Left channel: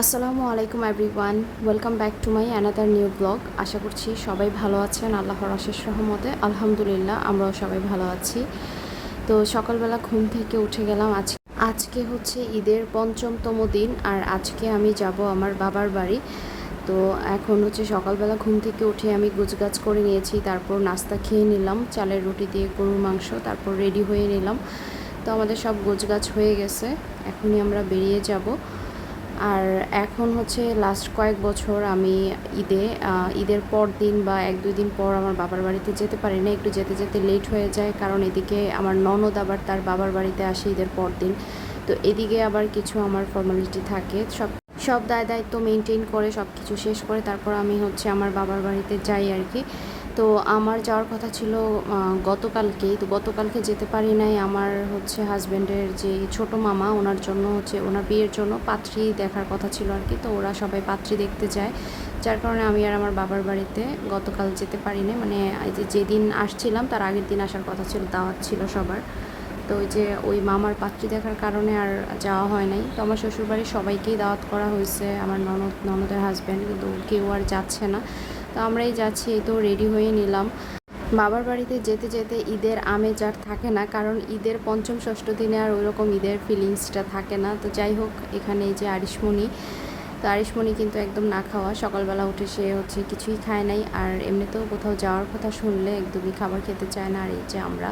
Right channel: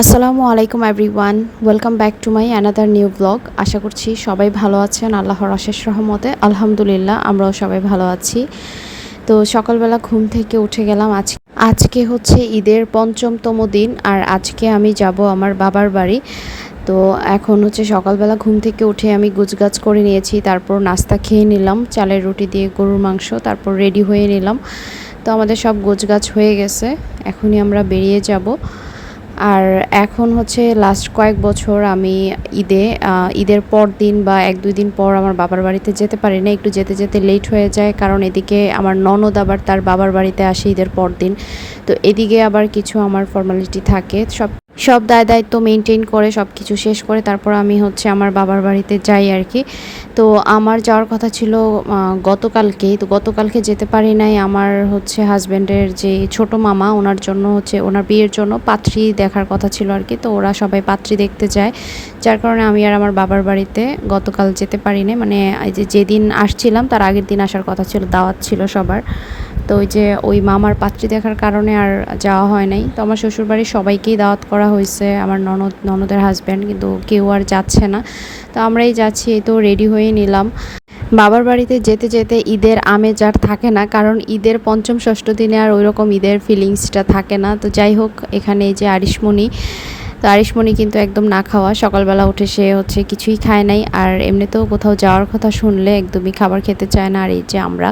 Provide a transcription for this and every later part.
আসসালামু আলাইকুম everyone welcome back to my another new blog আশা করছি সবাই ভালো আছেন, আল্লাহর অশেষ রহমতে। আলহামদুলিল্লাহ, আমরাও সবাই ভালো আছি। তো সকালবেলা ঘুম থেকে উঠে গেলাম আজ, আজকে হচ্ছে ঈদের পঞ্চমতম দিন, আর আজকে আমি যাব আমার বাবার বাড়ি। তো এখন হচ্ছে সকালবেলা ঘুম থেকে উঠে আমি গুছগাছ করে নিয়েছি, তারপর নাস্তা খেয়ে নিলাম, চালের রুটি দিয়ে গরুর মাংস, তারপর রেডি হয়ে নিলাম। তো আমাদের সব গোছগাছ হয়ে গেছে, এখনই আমরা বেরিয়ে যাব। আর এখন হচ্ছে লাস্ট কয়েক বছর আমি ঈদে ঈদের পর দিন বা এক, দুই দিন পর আমার বাবার বাড়িতে যেতে পারি না একটু যেতে যেতে লেট হয়ে যায় কারণ এদিকে আমার ননদ আবার তার বাবার বাড়িতে আসে ঈদের পর দিন। তো এদিকে আবার কিছু আমার ফর্মালিটি থাকে। সব সব দায় দায়িত্ব মেনটেন করে সব কিছু শেষ করে, তারপর আমি হচ্ছে আমার বাবার বাড়িতে যাই আর কি। তো আমার যাওয়ার কথা ছিল গতকালকেই। তো গতকালকে যেতে পারি নাই, আমার হচ্ছে হাজব্যান্ডের যে ছোট মামা, ওনার জন্য হচ্ছে, ওনার বিয়ের জন্য পাত্রী দেখার কথা ছিল আর কি। তো ওরা সবাই পাত্রী দেখতে যায়। যার কারণে আমি আর আমার বাবার বাড়িতে গতকাল যেতে পারি না মানে যেদিন আসছিলাম, তার আগের দিন আসার কথা ছিল, দাওয়াত ছিল সবার। তো ওই যে ওই মামার পাত্রী দেখার কারণে আর যাওয়া হয় নাই। তো আমার শ্বশুরবাড়ির সবাইকেই দাওয়াত করা হয়েছে, আমার ননদ, ননদের হাজব্যান্ড কিন্তু কেউ আর যাচ্ছে না। তো আমরাই যাচ্ছি, এই তো রেডি হয়ে নিলাম। বাবার বাড়িতে যেতে যেতে ঈদের আমেজ আর থাকে না, কারণ ঈদের পঞ্চম ষষ্ঠ দিনে আর ওই রকম ঈদের ফিলিংসটা থাকে না। তো যাই হোক, এখানে এই যে আরিশমণি তো আরিশমণি কিন্তু একদম না খাওয়া। সকালবেলা উঠে সে হচ্ছে কিছুই খায় নাই আর এমনিতেও কোথাও যাওয়ার কথা শুনলে একদমই খাবার খেতে চায় না আর এই যে আমরা।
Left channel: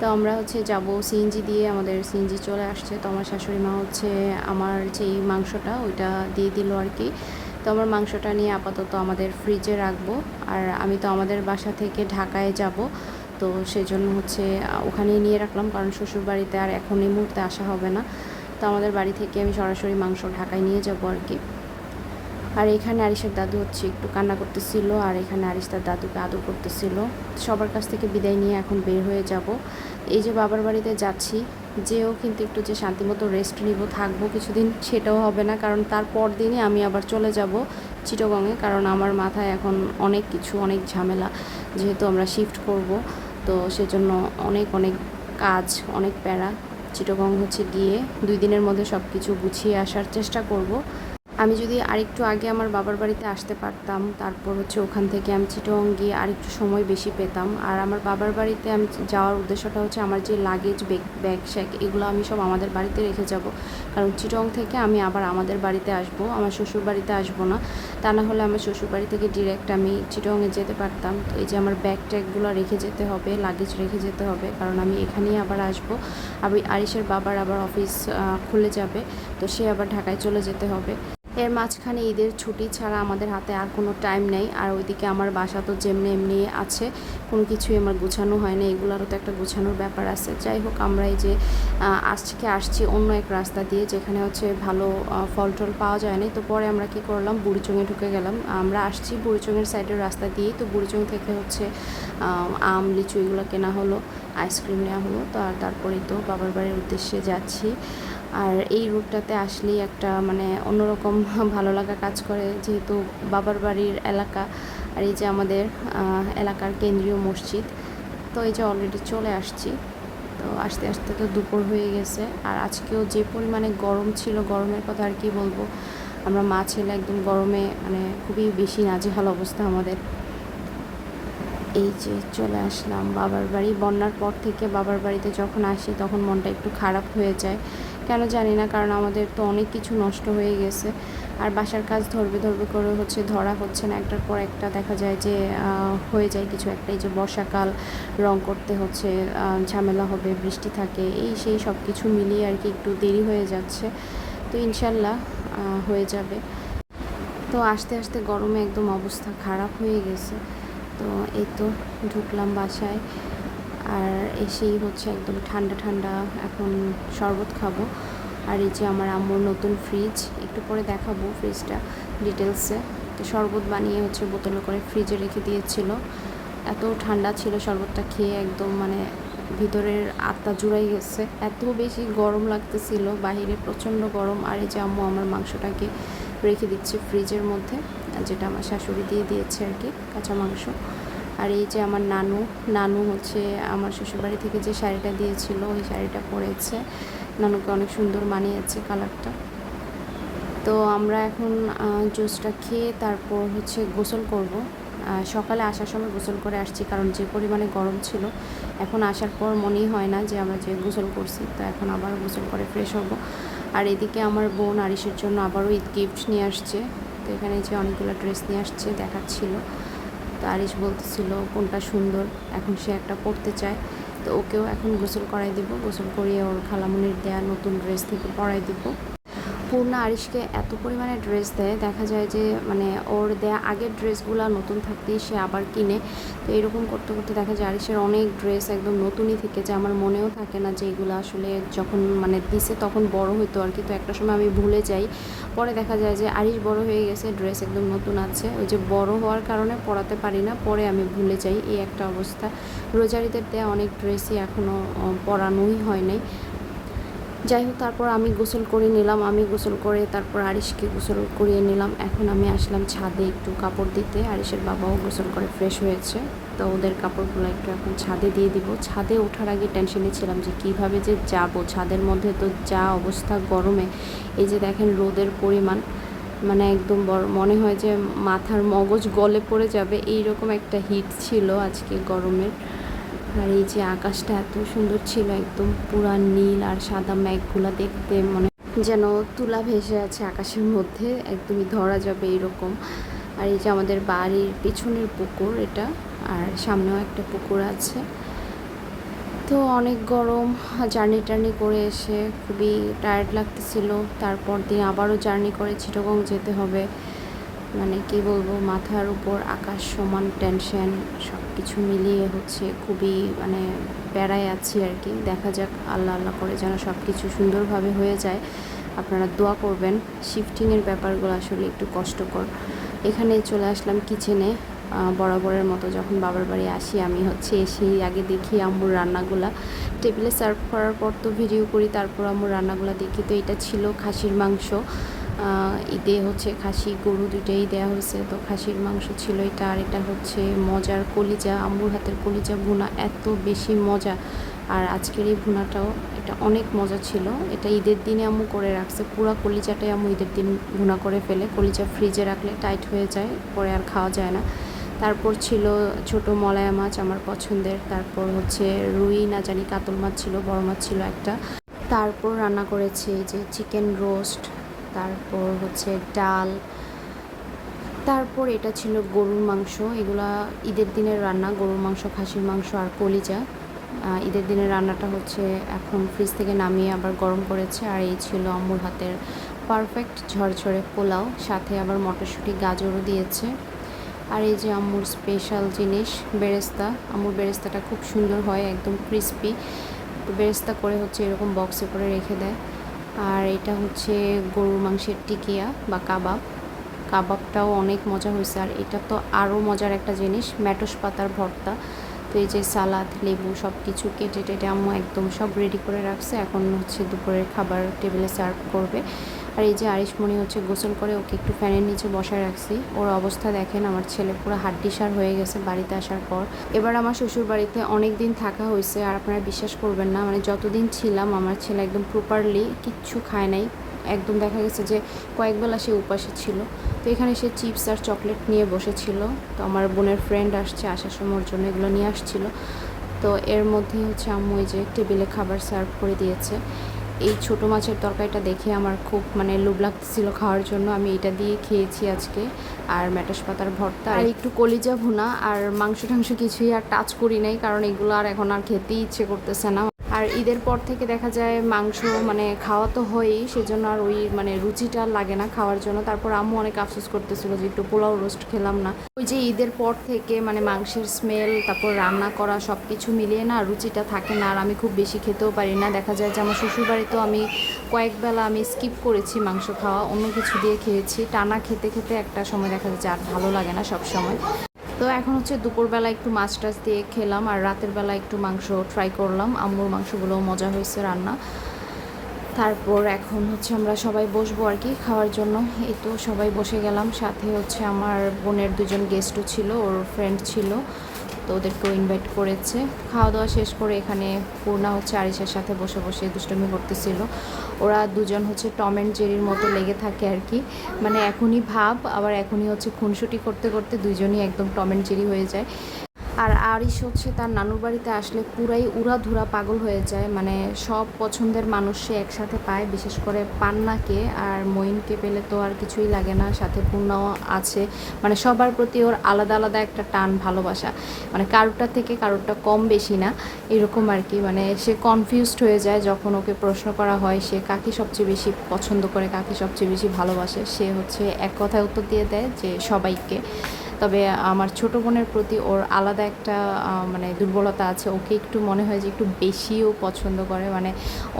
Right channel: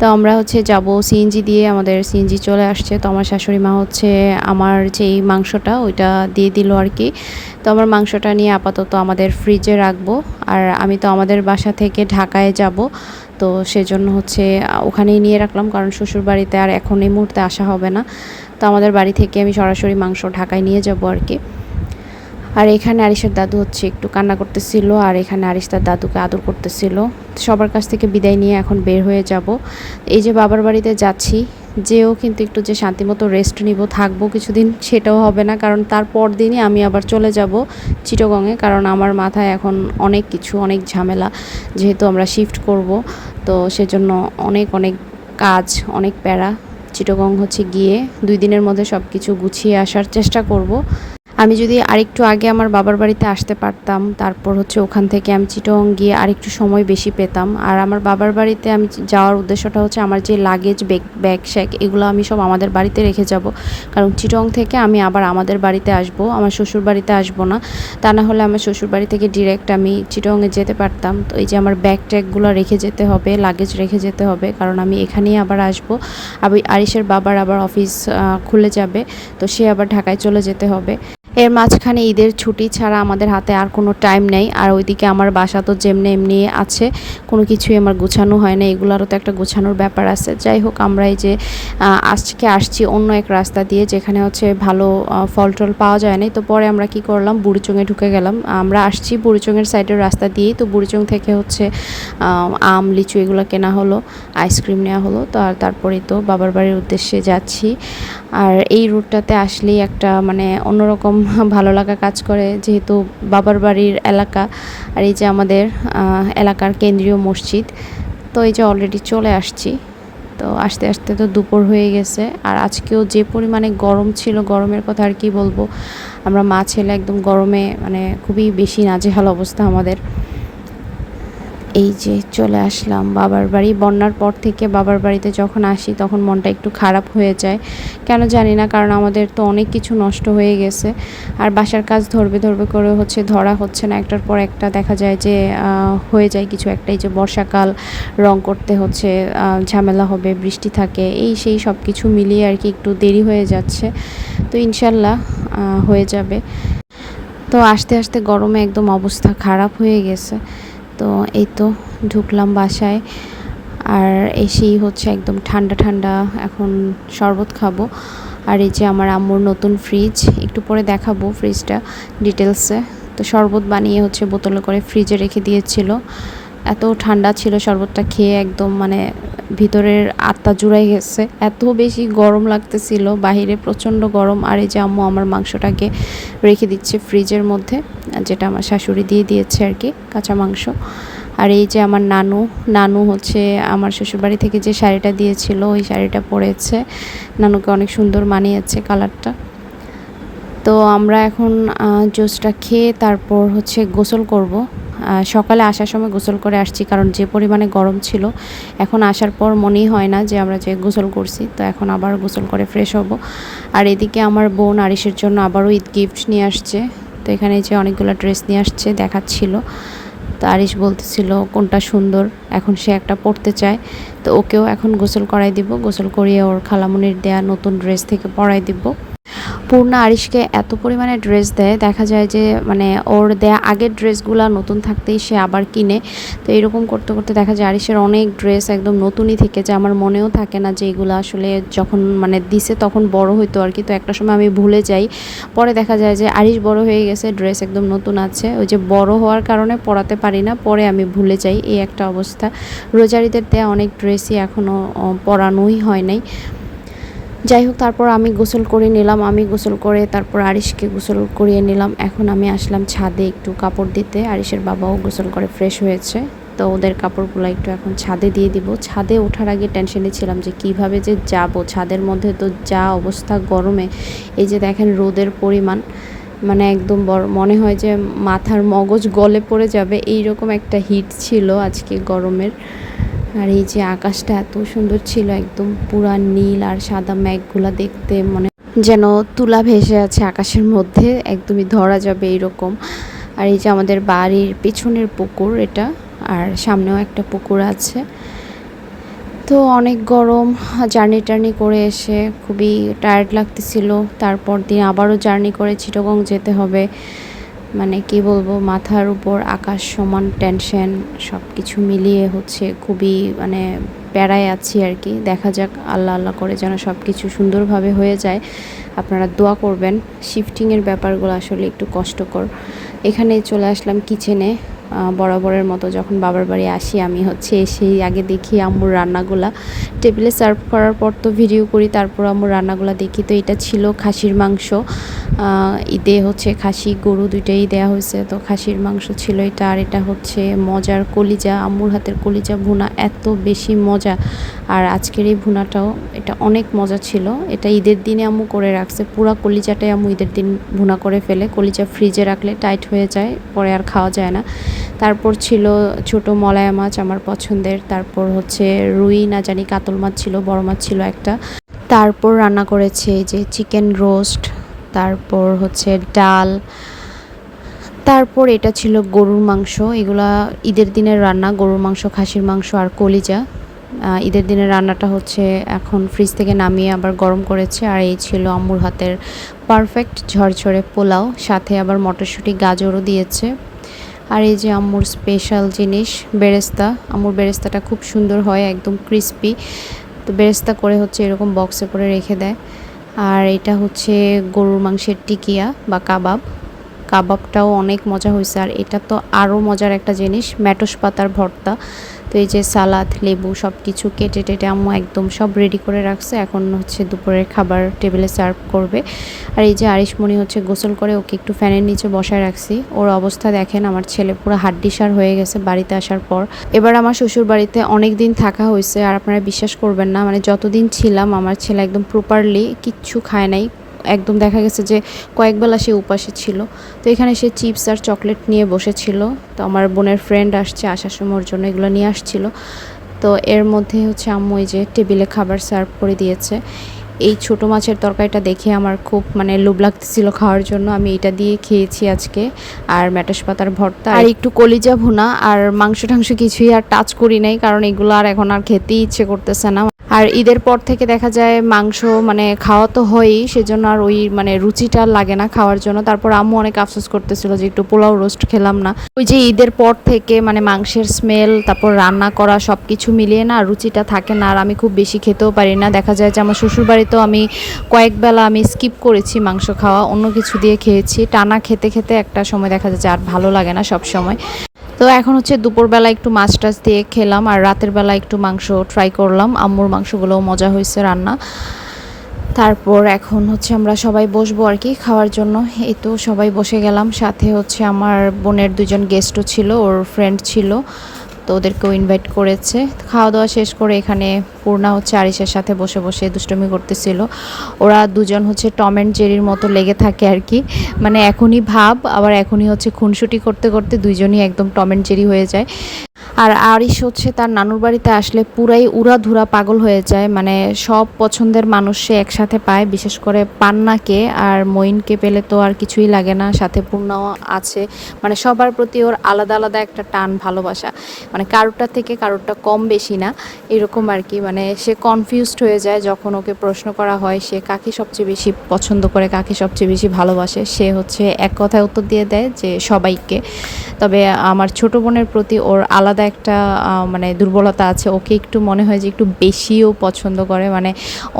তো আমরা হচ্ছে যাব সিএনজি দিয়ে, আমাদের সিএনজি চলে আসছে। তো আমার শাশুড়ি মা হচ্ছে আমার যেই মাংসটা, ওইটা দিয়ে দিল আর কি। তো আমার মাংসটা নিয়ে আপাতত আমাদের ফ্রিজে রাখব। আর আমি তো আমাদের বাসা থেকে ঢাকায় যাব। তো সেজন্য হচ্ছে ওখানেই নিয়ে রাখলাম, কারণ শ্বশুর বাড়িতে আর এখন এই মুহূর্তে আসা হবে না। তো আমাদের বাড়ি থেকে আমি সরাসরি মাংস ঢাকায় নিয়ে যাব আর কি। আর এখানে আরিসের দাদু হচ্ছে একটু কান্না করতেছিল, আর এখানে আরিস তার দাদুকে আদর করতেছিল। সবার কাছ থেকে বিদায় নিয়ে এখন বের হয়ে যাব। এই যে বাবার বাড়িতে যাচ্ছি, যেও কিন্তু একটু যে শান্তিমতো রেস্ট নিব, থাকব কিছুদিন সেটাও হবে না, কারণ তারপর দিনই আমি আবার চলে যাব চিটগংয়ে, কারণ আমার মাথায় এখন অনেক কিছু, অনেক ঝামেলা যেহেতু আমরা শিফট করব। তো সেজন্য অনেক অনেক কাজ, অনেক প্যারা। চিটগং হচ্ছে গিয়ে দুই দিনের মধ্যে সব কিছু গুছিয়ে আসার চেষ্টা করব। আমি যদি আরেকটু আগে আমার বাবার বাড়িতে আসতে পারতাম, তারপর হচ্ছে ওখান থেকে আমি চিটং গিয়ে আরেকটু সময় বেশি পেতাম। আর আমার বাবার বাড়িতে আমি যাওয়ার উদ্দেশ্যটা হচ্ছে আমার যে লাগেজ ব্যাগ ব্যাগ শ্যাগ এগুলো আমি সব আমাদের বাড়িতে রেখে যাব। কারণ চিটং থেকে আমি আবার আমাদের বাড়িতে আসব, আমার শ্বশুর বাড়িতে আসব না। তা না হলে আমার শ্বশুর বাড়ি থেকে ডিরেক্ট আমি চিটংয়ে যেতে পারতাম। তো এই যে আমার ব্যাগ ট্যাগগুলো রেখে যেতে হবে লাগেজ রেখে যেতে হবে, কারণ আমি এখানেই আবার আসব। আবার আরিসের বাবার আবার অফিস খুলে যাবে, তো সে আবার ঢাকায় চলে যেতে হবে। এর মাঝখানে ঈদের ছুটি ছাড়া আমাদের হাতে আর কোনো টাইম নেই। আর ওইদিকে আমার বাসা তো যেমনি এমনি আছে, কোনো কিছুই আমার গোছানো হয় না। এগুলোরও তো একটা গোছানোর ব্যাপার আছে। যাই হোক, আমরা এই যে আজকে আসছি অন্য এক রাস্তা দিয়ে, যেখানে হচ্ছে ভালো ফল টল পাওয়া যায় না তো পরে আমরা কি করলাম? বুড়িচুঙে ঢুকে গেলাম। আমরা আসছি বুড়িচঙের সাইডের রাস্তা দিয়েই। তো বুড়িচং থেকে হচ্ছে আম, লিচু এগুলো কেনা হলো আইসক্রিম নেওয়া হলো। তো আর তারপরেই তো বাবার বাড়ির উদ্দেশ্যে যাচ্ছি। আর এই রুটটাতে আসলেই একটা মানে অন্যরকম ভালো লাগা কাজ করে, যেহেতু বাবার বাড়ির এলাকা আর এই যে আমাদের এলাকার কেন্দ্রীয় মসজিদ, তো এই যে অলরেডি চলে আসছি। তো আস্তে আস্তে তো দুপুর হয়ে গেছে। আর আজকেও যে পরিমাণে গরম ছিল, গরমের কথা আর কি বলব, আমরা মা ছেলে একদম গরমে মানে খুবই বেশি নাজেহাল অবস্থা আমাদের। এই যে চলে আসলাম বাবার বাড়ি। বন্যার পর থেকে বাবার বাড়িতে যখন আসি তখন মনটা একটু খারাপ হয়ে যায়। কেন জানি না, কারণ আমাদের তো অনেক কিছু নষ্ট হয়ে গেছে। আর বাসার কাজ ধরবে ধরবে করে হচ্ছে ধরা হচ্ছে না। একটার পর একটা দেখা যায় যে হয়ে যায় কিছু একটাই যে বর্ষাকাল, রং করতে হচ্ছে ঝামেলা হবে, বৃষ্টি থাকে, এই সেই সব কিছু মিলিয়ে আর কি একটু দেরি হয়ে যাচ্ছে। তো ইনশাল্লাহ হয়ে যাবে। তো আস্তে আস্তে গরমে একদম অবস্থা খারাপ হয়ে গেছে। তো এই তো ঢুকলাম বাসায়। আর এসেই হচ্ছে একদম ঠান্ডা ঠান্ডা এখন শরবত খাব। আর এই যে আমার আম্মুর নতুন ফ্রিজ একটু পরে দেখাবো ফ্রিজটা ডিটেলসে তো শরবত বানিয়ে হচ্ছে বোতলে করে ফ্রিজে রেখে দিয়েছিল। এত ঠান্ডা ছিল শরবতটা খেয়ে একদম মানে ভিতরের আত্মা জুড়াই গেছে। এত বেশি গরম লাগতেছিল, বাহিরে প্রচণ্ড গরম। আর এই যে আম্মু আমার মাংসটাকে রেখে দিচ্ছে ফ্রিজের মধ্যে, যেটা আমার শাশুড়ি দিয়ে দিয়েছে আর কি, কাঁচা মাংস। আর এই যে আমার নানু নানু হচ্ছে আমার শ্বশুরবাড়ি থেকে যে শাড়িটা দিয়েছিল, ওই শাড়িটা পরেছে। নানুকে অনেক সুন্দর মানিয়েছে কালারটা। তো আমরা এখন জুসটা খেয়ে তারপর হচ্ছে গোসল করব। সকালে আসার সময় গোসল করে আসছি, কারণ যে পরিমাণে গরম ছিল, এখন আসার পর মনেই হয় না যে আমরা যে গোসল করছি, তো এখন আবার গোসল করে ফ্রেশ হব। আর এদিকে আমার বোন আরিসের জন্য আবারও ঈদ গিফট নিয়ে আসছে, তো এখানে যে অনেকগুলো ড্রেস নিয়ে আসছে, দেখাচ্ছিল। তো আরিস বলতেছিল, কোনটা সুন্দর? এখন সে একটা পরতে চায়, তো ওকেও এখন গোসল করাই দিব, গোসল করিয়ে ওর খালামুনির দেয়া নতুন ড্রেস থেকে পরাই দিব। পূর্ণা আরিশকে এত পরিমাণে ড্রেস দেয়, দেখা যায় যে মানে ওর দেয়া আগের ড্রেসগুলো নতুন থাকতেই সে আবার কিনে। তো এরকম করতে করতে দেখা যায় আরিশের অনেক ড্রেস একদম নতুনই থেকে যে আমার মনেও থাকে না যে এগুলো আসলে যখন মানে দিছে তখন বড় হইতো আর কি। তো একটা সময় আমি ভুলে যাই। পরে দেখা যায় যে আরিশ বড় হয়ে গেছে ড্রেস একদম নতুন আছে। ওই যে বড় হওয়ার কারণে পরাতে পারি না, পরে আমি ভুলে যাই। এই একটা অবস্থা। রোজারিদের দেয়া অনেক ড্রেসই এখনও পরানোই হয় নাই। যাই হোক তারপর আমি গোসল করে নিলাম, আমি গোসল করে তারপর আরিশকে গোসল করিয়ে নিলাম। এখন আমি আসলাম ছাদে একটু কাপড় দিতে। আরিশের বাবাও গোসল করে ফ্রেশ হয়েছে। তো ওদের কাপড়গুলো একটু এখন ছাদে দিয়ে দিব। ছাদে ওঠার আগে টেনশনে ছিলাম যে কীভাবে যে যাব। ছাদের মধ্যে তো যা অবস্থা গরমে, এই যে দেখেন রোদের পরিমাণ মানে একদম বড়, মনে হয় যে মাথার মগজ গলে পড়ে যাবে। এই রকম একটা হিট ছিল আজকে গরমের। আর এই যে আকাশটা এত সুন্দর ছিল, একদম পুরা নীল আর সাদা মেঘগুলা দেখতে মনে যেন তুলা ভেসে আছে আকাশের মধ্যে, একদমই ধরা যাবে এইরকম। আর এই যে আমাদের বাড়ির পেছনের পুকুর এটা, আর সামনেও একটা পুকুর আছে। তো অনেক গরম, জার্নি টার্নি করে এসে খুবই টায়ার্ড লাগতেছিল। তারপর দিন আবারও জার্নি করে চিটগং যেতে হবে। মানে কি বলব, মাথার উপর আকাশ সমান টেনশন সব কিছু মিলিয়ে হচ্ছে খুবই মানে প্যারায় আছি আর কি। দেখা যাক, আল্লাহ আল্লাহ করে যেন সব কিছু সুন্দরভাবে হয়ে যায়। আপনারা দোয়া করবেন শিফটিংয়ের ব্যাপারগুলো আসলে একটু কষ্টকর। এখানে চলে আসলাম কিচেনে বরাবরের মতো যখন বাবার বাড়ি আসি আমি হচ্ছে এসেই আগে দেখি আম্মুর রান্নাগুলা। টেবিলে সার্ভ করার পর তো ভিডিও করি, তারপর আম্মুর রান্নাগুলা দেখি। তো এটা ছিল খাসির মাংস। ঈদে হচ্ছে খাসি, গরু দুইটাই দেওয়া হয়েছে। তো খাসির মাংস ছিল এটা, আর এটা হচ্ছে মজার কলিজা, আম্মুর হাতের কলিজা ভুনা, এত বেশি মজা। আর আজকের এই ভুনাটাও এটা অনেক মজা ছিল। এটা ঈদের দিনে আম্মু করে রাখছে, পুরো কলিজাটাই আম্মু ঈদের দিন ভুনা করে ফেলে। কলিজা ফ্রিজে রাখলে টাইট হয়ে যায়, পরে আর খাওয়া যায় না। তারপর ছিল ছোট মলায়া মাছ আমার পছন্দের। তারপর হচ্ছে রুই, না জানি, কাতল মাছ ছিল, বড় মাছ ছিল একটা। তারপর রান্না করেছে যে চিকেন রোস্ট তারপর হচ্ছে ডাল, তারপর এটা ছিল গরুর মাংস। এগুলা ঈদের দিনের রান্না, গরুর মাংস, খাসির মাংস আর কলিজা। ঈদের দিনের রান্নাটা হচ্ছে এখন ফ্রিজ থেকে নামিয়ে আবার গরম করেছে আর এই ছিল আম্মুর হাতের পারফেক্ট ঝরঝরে পোলাও। সাথে আবার মটরশুঁটি, গাজরও দিয়েছে। আর এই যে আম্মুর স্পেশাল জিনিস, বেরেস্তা। আম্মুর বেরেস্তাটা খুব সুন্দর হয়, একদম ক্রিস্পি তো বেরেস্তা করে হচ্ছে এরকম বক্সে করে রেখে দেয়। আর এটা হচ্ছে গরুর মাংসের টিকিয়া বা কাবাব। কাবাবটাও অনেক মজা হয়েছে আর এটা তো আরও মজার একটা জিনিস ম্যাটস পাতার ভর্তা। তো এই যে সালাদ, লেবু সব কিছু কেটে টেটে আম্মু একদম সব রেডি করে রাখছে। এখন হচ্ছে দুপুরের খাবার টেবিলে সার্ভ করবে। আর এই যে আরিশমণি হচ্ছে গোসল করে ওকে একটু ফ্যানের নিচে বসায় রাখছি। ওর অবস্থা দেখেন, আমার ছেলে পুরো হাড্ডিসার হয়ে গেছে বাড়িতে আসার পর। এবার আমার শ্বশুর বাড়িতে অনেক দিন থাকা হয়েছে, আর আপনারা বিশ্বাস করবেন না মানে যতদিন ছিলাম আমার ছেলে একদম প্রপারলি কিচ্ছু খায় নাই। একদম দেখা গেছে যে কয়েকবেলা সে উপাসে ছিল। তো এখানে সে চিপস আর চকলেট নিয়ে বসেছিল। তো আমার বোনের ফ্রেন্ড আসছে আসার সময়, ওর জন্য এগুলো নিয়ে আসছিল। তো এর মধ্যে হচ্ছে আম্মু এই যে টেবিলে খাবার সার্ভ করে দিয়েছে। এই ছোট মাছের তরকারিটা দেখে আমার খুব মানে লোভ লাগতেছিল খাওয়ার জন্য। আমি এটা দিয়ে খেয়েছি আজকে। আর ম্যাটাস পাতার ভর্তা, আর একটু কলিজা ভুনা, আর মাংস টাংস কিছুই আর টাচ করি নাই, কারণ এগুলো আর এখন আর খেতেই ইচ্ছে করতেছে না। আর ঈদের পর থেকে দেখা যায় মাংস মানে খাওয়া তো হয়ই, সেজন্য আর ওই মানে রুচিটা লাগে না খাওয়ার জন্য। তারপর আম্মু অনেক আফসোস করতেছিল যে একটু পোলাও রোস্ট খেলাম না। ওই যে ঈদের পর থেকে মানে মাংসের স্মেল তারপর রান্না করা সব কিছু মিলিয়ে না রুচিটা থাকে না, আর আমি খুব বেশি খেতেও পারি না। দেখা যায় যে আমার শ্বশুরবাড়িতেও আমি কয়েক বেলা আমি স্কিপ করেছি মাংস খাওয়া, অন্য কিছু দিয়ে খেয়েছি। টানা খেতে খেতে একটা সময় দেখা যাচ্ছে আর ভালো লাগে না সব সময় তো এখন হচ্ছে দুপুরবেলা একটু মাছ টাছ দিয়ে খেলাম আর রাতের বেলা একটু মাংস ট্রাই করলাম। আম্মুর মাংসগুলোও মজা হয়েছে রান্না। তারপর এখন হচ্ছে আমরা সবাই বসবো আর কি খাওয়ার জন্য। এই তো সবাই বসে গেলাম। সাথে হচ্ছে আমার বোনের দুজন গেস্টও ছিল, ওর ফ্রেন্ড ছিল। তো ওদেরকেও ইনভাইট করেছে। খাওয়া দাওয়া শেষ করে এখানে পূর্ণা হচ্ছে আরিসের সাথে বসে বসে দুষ্টমি করতেছিল। ওরা দুজন হচ্ছে টম অ্যান্ড জেরির মতো লেগে থাকে আর কি। মানে এখনই ভাব, আবার এখনই হচ্ছে খুনসুটি করতে করতে দুইজনই একদম টম অ্যান্ড জেরি হয়ে যায়। আর আরিশ হচ্ছে তার নানুর বাড়িতে আসলে পুরাই উড়াধুরা পাগল হয়ে যায়। মানে সব পছন্দের মানুষ সে একসাথে পায়, বিশেষ করে পান্নাকে আর মইনকে পেলে তো আর কিছুই লাগে না। সাথে পূর্ণাও আছে। মানে সবার প্রতি ওর আলাদা আলাদা একটা টান, ভালোবাসা। মানে কারোরটা থেকে কারোরটা কম বেশি না। এরকম আর কি। মানে সে কনফিউজড হয়ে যায় যখন ওকে প্রশ্ন করা হয়, সে কাকে সবচেয়ে বেশি পছন্দ করে, কাকে সবচেয়ে বেশি ভালোবাসে? সে হচ্ছে এক কথায় উত্তর দিয়ে দেয় যে সবাইকে। তবে আমার ছোট বোনের প্রতি ওর আলাদা একটা মানে দুর্বলতা আছে, ওকে একটু মনে হয় যে একটু বেশিও পছন্দ করে। মানে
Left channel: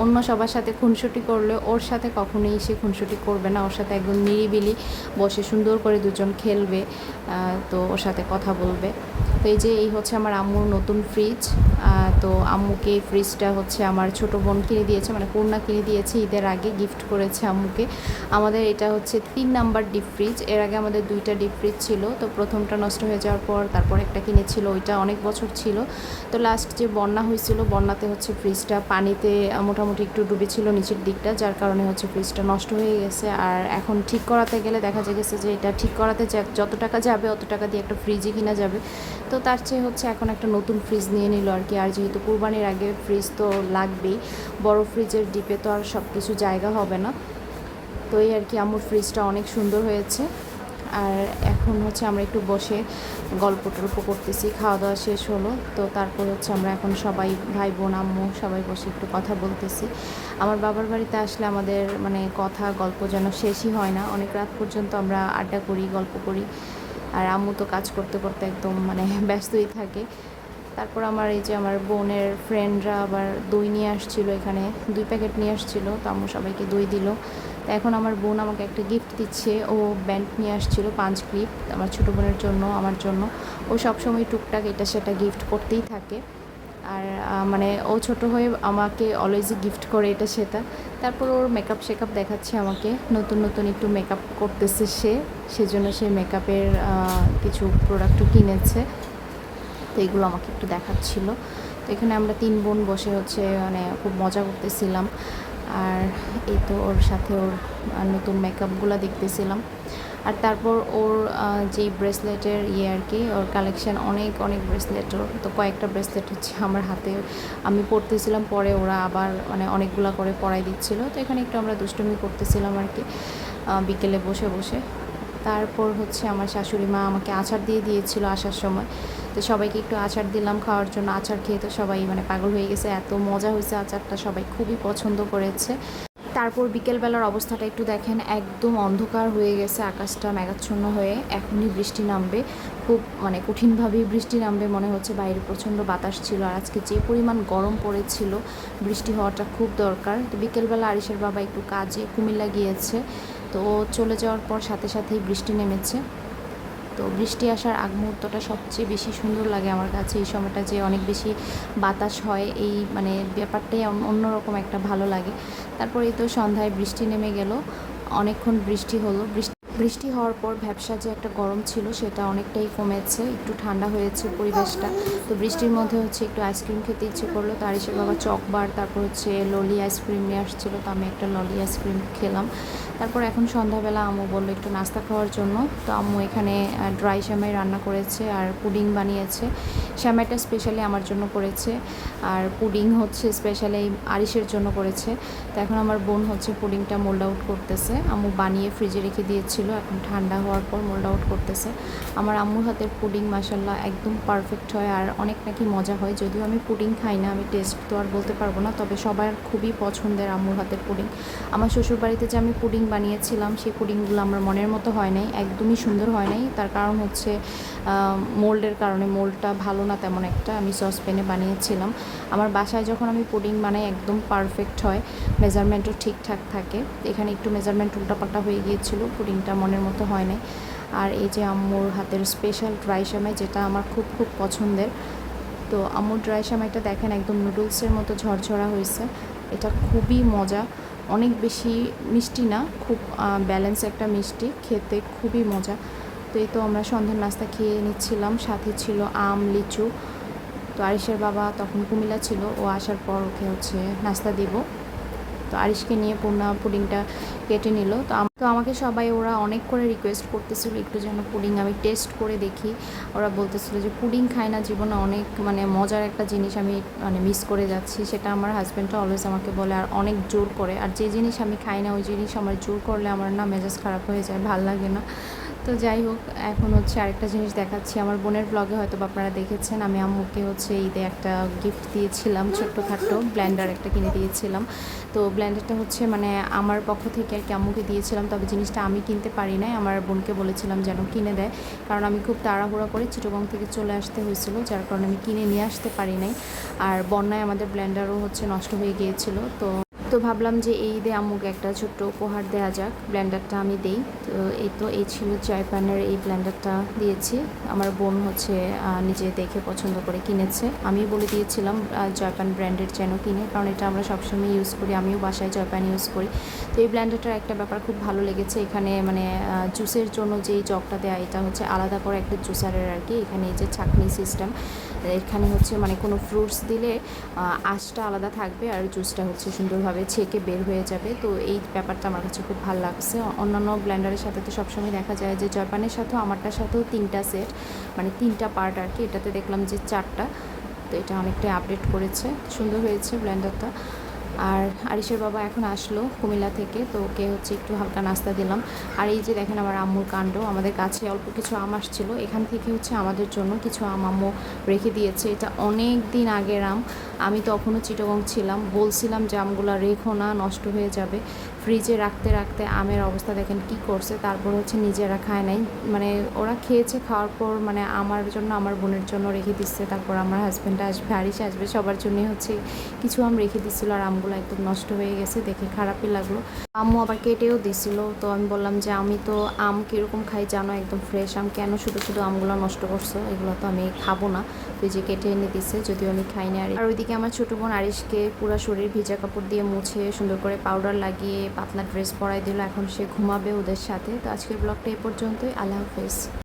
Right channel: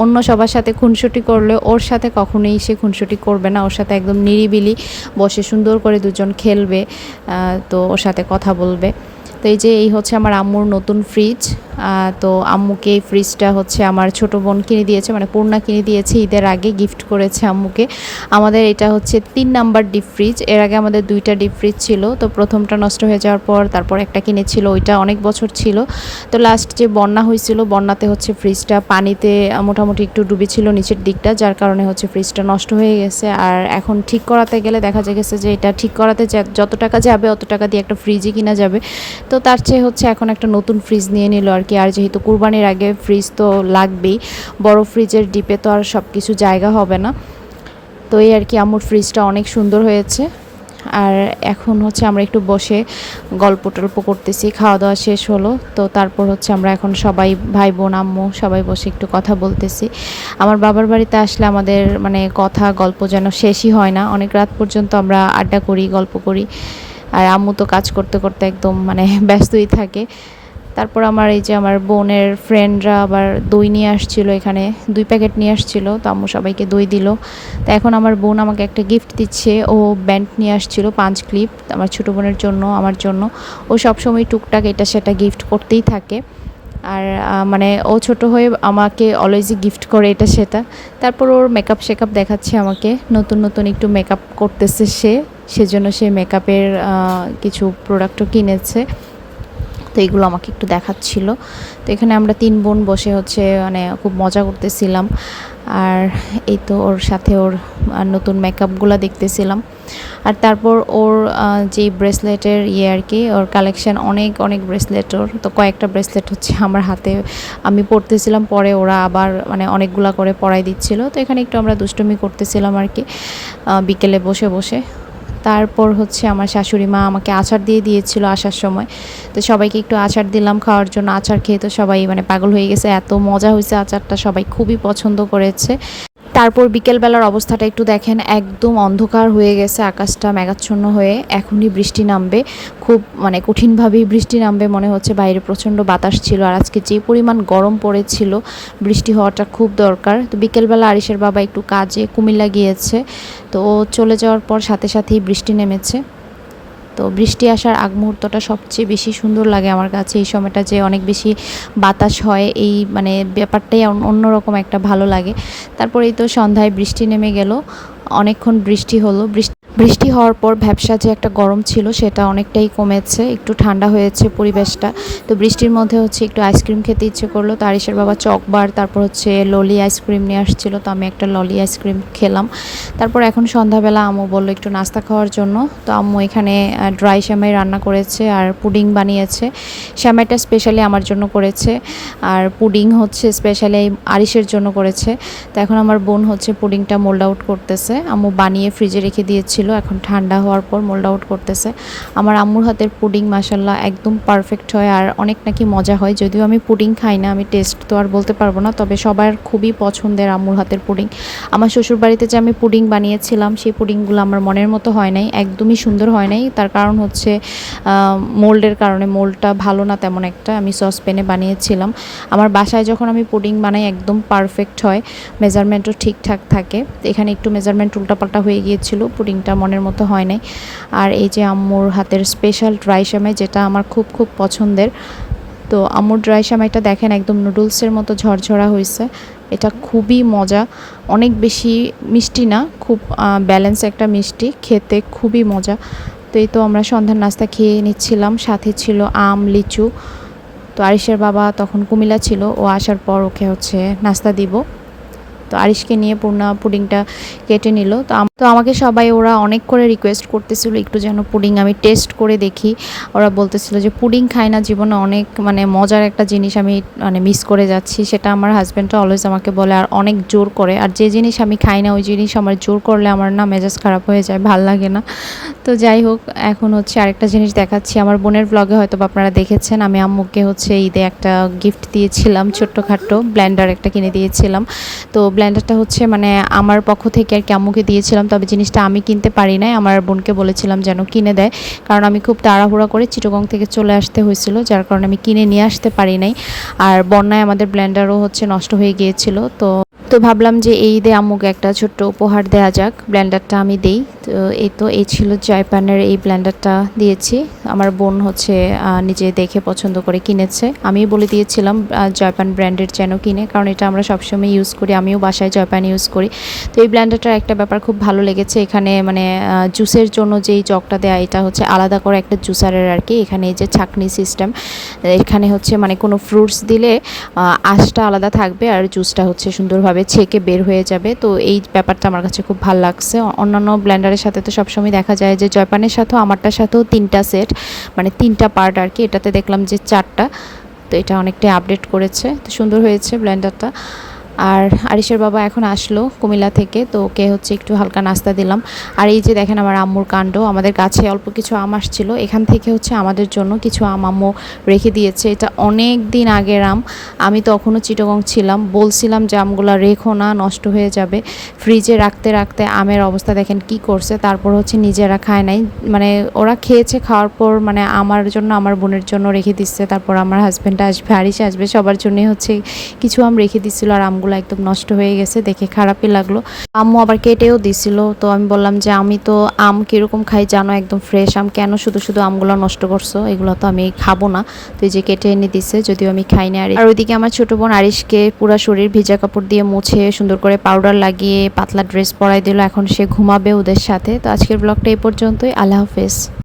অন্য সবার সাথে খুনসুটি করলে ওর সাথে কখনোই সে খুনসুটি করবে না, ওর সাথে একদম নিরিবিলি বসে সুন্দর করে দুজন খেলবে তো ওর সাথে কথা বলবে। তো এই যে, এই হচ্ছে আমার আম্মুর নতুন ফ্রিজ তো আম্মুকে এই ফ্রিজটা হচ্ছে আমার ছোট বোন কিনে দিয়েছে মানে পূর্ণা কিনে দিয়েছে, ঈদের আগে গিফট করেছে আম্মুকে। আমাদের এটা হচ্ছে তিন নাম্বার ডিপ ফ্রিজ এর আগে আমাদের দুইটা ডিপ ফ্রিজ ছিল, তো প্রথমটা নষ্ট হয়ে যাওয়ার পর তারপর একটা কিনেছিল, ওইটা অনেক বছর ছিল। তো লাস্ট যে বন্যা হয়েছিল, বন্যাতে হচ্ছে ফ্রিজটা পানিতে মোটামুটি একটু ডুবেছিল নিচের দিকটা, যার কারণে হচ্ছে ফ্রিজটা নষ্ট হয়ে গেছে। আর এখন ঠিক করাতে গেলে দেখা গেছে যে এটা ঠিক করাতে যত টাকা যাবে, অত টাকা দিয়ে একটা ফ্রিজই কিনা যাবে। তো তার চেয়ে হচ্ছে এখন একটা নতুন ফ্রিজ নিয়ে নিল আর কি আর যেহেতু কুরবানির আগে ফ্রিজ তো লাগবেই, বড় ফ্রিজের ডিপে তো আর সব কিছু জায়গা হবে না। তো এই আর কি আম্মুর ফ্রিজটা অনেক সুন্দর হয়েছে। আর এখন হচ্ছে আমরা একটু বসে গল্প টল্প করতেছি খাওয়া দাওয়া শেষ হলো। তো তারপর হচ্ছে আমরা এখন সবাই ভাই বোন আম্মু সবাই বসে একটু কথা বলতেছি। আমার বাবার বাড়িতে আসলে আমাদের মানে কথা, গল্প যেন শেষই হয় না। অনেক রাত পর্যন্ত আমরা আড্ডা করি, গল্প করি। আর আম্মু তো কাজ করতে করতে একদম মানে ব্যস্তই থাকে। তারপর আমার এই যে আমার বোনের ফ্রেন্ডরা আবার দই নিয়ে আসছিল এখানে, দুই প্যাকেট নিয়ে আসছিল, তো আম্মু সবাইকে দই দিল। তো এখন আমার বোন আমাকে একটা গিফট দিচ্ছে, ও ব্যান্ড নিয়ে আসছিল পাঁচ ক্লিপ আমার ছোটো বোনের জন্য, আমার জন্য। ও সবসময় টুকটাক এটা সেটা গিফট করতেই থাকে। আর মানে ও ছোট হয়ে আমাকে অলওয়েজই গিফট করে এটা সেটা। তারপর ওর মেকআপ শেকআপ দেখাচ্ছে আমাকে, নতুন নতুন একটু মেকআপ করতেছে সে, সেজন্য সে মেকআপের কিছু প্রোডাক্টও কিনেছে। তো এগুলো আমাকে একটু দেখাচ্ছিল। তো এখানে আমরা তিন বোন বসে হচ্ছে মানে খুব মজা করতেছিলাম। আর এই তো ওর সাথে ওর নতুন মেকআপগুলো দেখতেছিলাম। আর তারপর ওর যে ব্রেসলেটের ইয়ে আর কি, ওর কালেকশন অনেক অনেক ব্রেসলেট ওর। তো কয়েকটা ব্রেসলেট হচ্ছে আমার হাতে আমি পড়তেছিলাম পরে ওরা আবার মানে অনেকগুলা করে পড়াই দিচ্ছিল। তো এখানে একটু আমরা দুষ্টুমি করতেছিলাম আর কি বিকেলে বসে বসে। তারপর হচ্ছে আমার শাশুড়ি মা আমাকে আচার দিয়ে দিয়েছিল আসার সময়। তো সবাইকে একটু আচার দিলাম খাওয়ার জন্য, আচার খেয়ে তো সবাই মানে পাগল হয়ে গেছে। এত মজা হয়েছে আচারটা, সবাই খুবই পছন্দ করেছে। তারপর বিকেলবেলার অবস্থাটা একটু দেখেন, একদম অন্ধকার হয়ে গেছে, আকাশটা মেঘাচ্ছন্ন হয়ে এখনই বৃষ্টি নামবে। খুব মানে কঠিনভাবেই বৃষ্টি নামবে মনে হচ্ছে, বাইরে প্রচণ্ড বাতাস ছিল আর আজকে যে পরিমাণ গরম পড়েছিল, বৃষ্টি হওয়াটা খুব দরকার। তো বিকেলবেলা আরিসের বাবা একটু কাজে কুমিল্লা গিয়েছে, তো চলে যাওয়ার পর সাথে সাথেই বৃষ্টি নেমেছে। তো বৃষ্টি আসার আগ মুহূর্তটা সবচেয়ে বেশি সুন্দর লাগে আমার কাছে। এই সময়টা যে অনেক বেশি বাতাস হয়, এই মানে ব্যাপারটাই অন্য- অন্যরকম একটা ভালো লাগে। তারপরেই তো সন্ধ্যায় বৃষ্টি নেমে গেল, অনেকক্ষণ বৃষ্টি হলো। বৃষ্টি বৃষ্টি হওয়ার পর ব্যবসা যে একটা গরম ছিল সেটা অনেকটাই কমেছে, একটু ঠান্ডা হয়েছে পরিবেশটা। তো বৃষ্টির মধ্যে হচ্ছে একটু আইসক্রিম খেতে ইচ্ছে করল তো আরিসের বাবা চকবার তারপর হচ্ছে ললি আইসক্রিম নিয়ে আসছিল, তো আমি একটা ললি আইসক্রিম খেলাম। তারপর এখন সন্ধ্যাবেলা আম্মু বলল একটু নাস্তা খাওয়ার জন্য। তো আম্মু এখানে ড্রাই শ্যামাই রান্না করেছে আর পুডিং বানিয়েছে। শ্যামাইটা স্পেশালি আমার জন্য করেছে আর পুডিং হচ্ছে স্পেশালি আরিসের জন্য করেছে। তো এখন আমার বোন হচ্ছে পুডিংটা মোল্ড আউট করতেছে। আম্মু বানিয়ে ফ্রিজে রেখে দিয়েছিল। এখন ঠান্ডা হওয়ার পর মোল্ড আউট করতেছে। আমার আম্মুর হাতের পুডিং মাসাল্লাহ একদম পারফেক্ট হয় আর অনেক নাকি মজা হয়। যদিও আমি পুডিং খাই না, আমি টেস্ট তো আর বলতে পারব না, তবে সবার খুবই পছন্দের আম্মুর হাতের পুডিং। আমার শ্বশুর বাড়িতে যে আমি পুডিং বানিয়েছিলাম, সেই পুডিংগুলো আমার মনের মতো হয় নাই, একদমই সুন্দর হয় নাই। তার কারণ হচ্ছে মোল্ডের কারণে মোল্ডটা ভালো না তেমন একটা, আমি সসপ্যানে বানিয়েছিলাম। আমার বাসায় যখন আমি পুডিং বানাই, একদম পারফেক্ট হয় মেজারমেন্টও ঠিকঠাক থাকে। এখানে একটু মেজারমেন্ট উল্টাপাল্টা হয়ে গিয়েছিল, পুডিংটা মনের মতো হয় নাই। আর এই যে আম্মুর হাতের স্পেশাল ড্রাই সামাই যেটা আমার খুব খুব পছন্দের, তো আম্মুর ড্রাই সামাইটা দেখেন একদম নুডলসের মতো ঝরঝরা হয়েছে। এটা খুবই মজা, অনেক বেশি মিষ্টি না, খুব ব্যালেন্স একটা মিষ্টি, খেতে খুবই মজা। তো এই তো আমরা সন্ধ্যার নাস্তা খেয়ে নিচ্ছিলাম, সাথে ছিল আম, লিচু। তো আরিশের বাবা তখন কুমিলা ছিল, ও আসার পর ওকে হচ্ছে নাস্তা দিব। তো আরিশকে নিয়ে পূর্ণা পুডিংটা কেটে নিল। তো তো আমাকে সবাই ওরা অনেক করে রিকোয়েস্ট করতেছিল একটু যেন পুডিং আমি টেস্ট করে দেখি। ওরা বলতেছিল যে পুডিং খাই না, জীবনে অনেক মানে মজার একটা জিনিস আমি মানে মিস করে যাচ্ছি, সেটা আমার হাজব্যান্ডটা অলওয়েজ আমাকে বলে আর অনেক জোর করে। আর যে জিনিস আমি খাই না, ওই জিনিস আমার জোর করলে আমার না মেজাজ খারাপ হয়ে যায়, ভালো লাগে না। তো যাই হোক, এখন হচ্ছে আরেকটা জিনিস দেখাচ্ছি। আমার বোনের ব্লগে হয়তো আপনারা দেখেছেন, আমি আম্মুকে হচ্ছে ঈদে একটা গিফট দিয়েছিলাম ছোট্টখাটো ব্ল্যান্ডার একটা কিনে দিয়েছিলাম। তো ব্ল্যান্ডারটা হচ্ছে মানে আমার পক্ষ থেকে আর কি আম্মুকে দিয়েছিলাম তবে জিনিসটা আমি কিনতে পারি নাই। আমার বোনকে বলেছিলাম যেন কিনে দেয়, কারণ আমি খুব তাড়াহুড়া করে চিটগং থেকে চলে আসতে হয়েছিল, যার কারণে আমি কিনে নিয়ে আসতে পারি নাই। আর বন্যায় আমাদের ব্ল্যান্ডারও হচ্ছে নষ্ট হয়ে গিয়েছিল, তো তো ভাবলাম যে এই ঈদে আম্মুকে একটা ছোট্ট উপহার দেওয়া যাক। ব্ল্যান্ডারটা আমি দেই। তো এই তো, এই ছিল জয়পানের এই ব্ল্যান্ডারটা দিয়েছি। আমার বোন হচ্ছে নিজে দেখে পছন্দ করে কিনেছে। আমি বলে দিয়েছিলাম জয়পান ব্র্যান্ডের যেন কিনে, কারণ এটা আমরা সবসময় ইউজ করি। আমিও বাসায় জয়পান ইউজ করি। তো এই ব্ল্যান্ডারটার একটা ব্যাপার খুব ভালো লেগেছে। এখানে মানে জুসের জন্য যেই জগটা দেয়া, এটা হচ্ছে আলাদা করে একটা জুসারের আর কি। এখানে এই যে ছাকনি সিস্টেম এখানে হচ্ছে মানে কোনো ফ্রুটস দিলে আঁশটা আলাদা থাকবে আর জুসটা হচ্ছে সুন্দরভাবে ছেঁকে বের হয়ে যাবে। তো এই ব্যাপারটা আমার কাছে খুব ভালো লাগছে। অন্যান্য ব্ল্যান্ডারের সাথে তো সবসময় দেখা যায় যে, জয়পানের সাথেও, আমারটার সাথেও তিনটা সেট মানে তিনটা পার্ট আর কি। এটাতে দেখলাম যে, চারটা। তো এটা অনেকটাই আপডেট করেছে। তো সুন্দর হয়েছে ব্লেন্ডারটা। আর আরিশের বাবা এখন আসলো কুমিল্লা থেকে, তো ওকে হচ্ছে একটু হালকা নাস্তা দিলাম। আর এই যে দেখেন আমার আম্মুর কাণ্ড, আমাদের গাছে অল্প কিছু আম আসছিল, এখান থেকে হচ্ছে আমাদের জন্য কিছু আম আম্মু রেখে দিয়েছে। এটা অনেক দিন আগের আম, আমি তখনও চিটগং ছিলাম, বলছিলাম যে আমগুলো রেখো না, নষ্ট হয়ে যাবে। ফ্রিজে রাখতে রাখতে আমের অবস্থা দেখেন কি করছে, তারপর হচ্ছে নিজেরা খায় নাই। মানে ওরা খেয়েছে, খাওয়ার পর মানে আমার জন্য, আমার বোনের জন্য রেখে দিচ্ছে, তারপর আমার হাজব্যান্ড আসবে আরিসে আসবে, সবার জন্যই হচ্ছে কিছু আম রেখে দিচ্ছিল আর আমগুলো একদম নষ্ট হয়ে গেছে, দেখে খারাপই লাগল। আম্মু আবার কেটেও দিছিল, তো আমি বললাম যে, আমি তো আম কীরকম খাই জানো, একদম ফ্রেশ আম, কেন শুধু শুধু আমগুলো নষ্ট করছ? এগুলো তো আমি খাব না। তো এই যে কেটে এনে দিছে, যদিও আমি খাই না আর ওইদিকে আমার ছোট বোন আরিশকে পুরো শরীর ভিজা কাপড় দিয়ে মুছে, সুন্দর করে পাউডার লাগিয়ে, পাতলা ড্রেস পরাই দিল। এখন সে ঘুমাবে ওদের সাথে। তো আজকের ব্লগটা এই পর্যন্তই। আল্লাহ হাফেজ।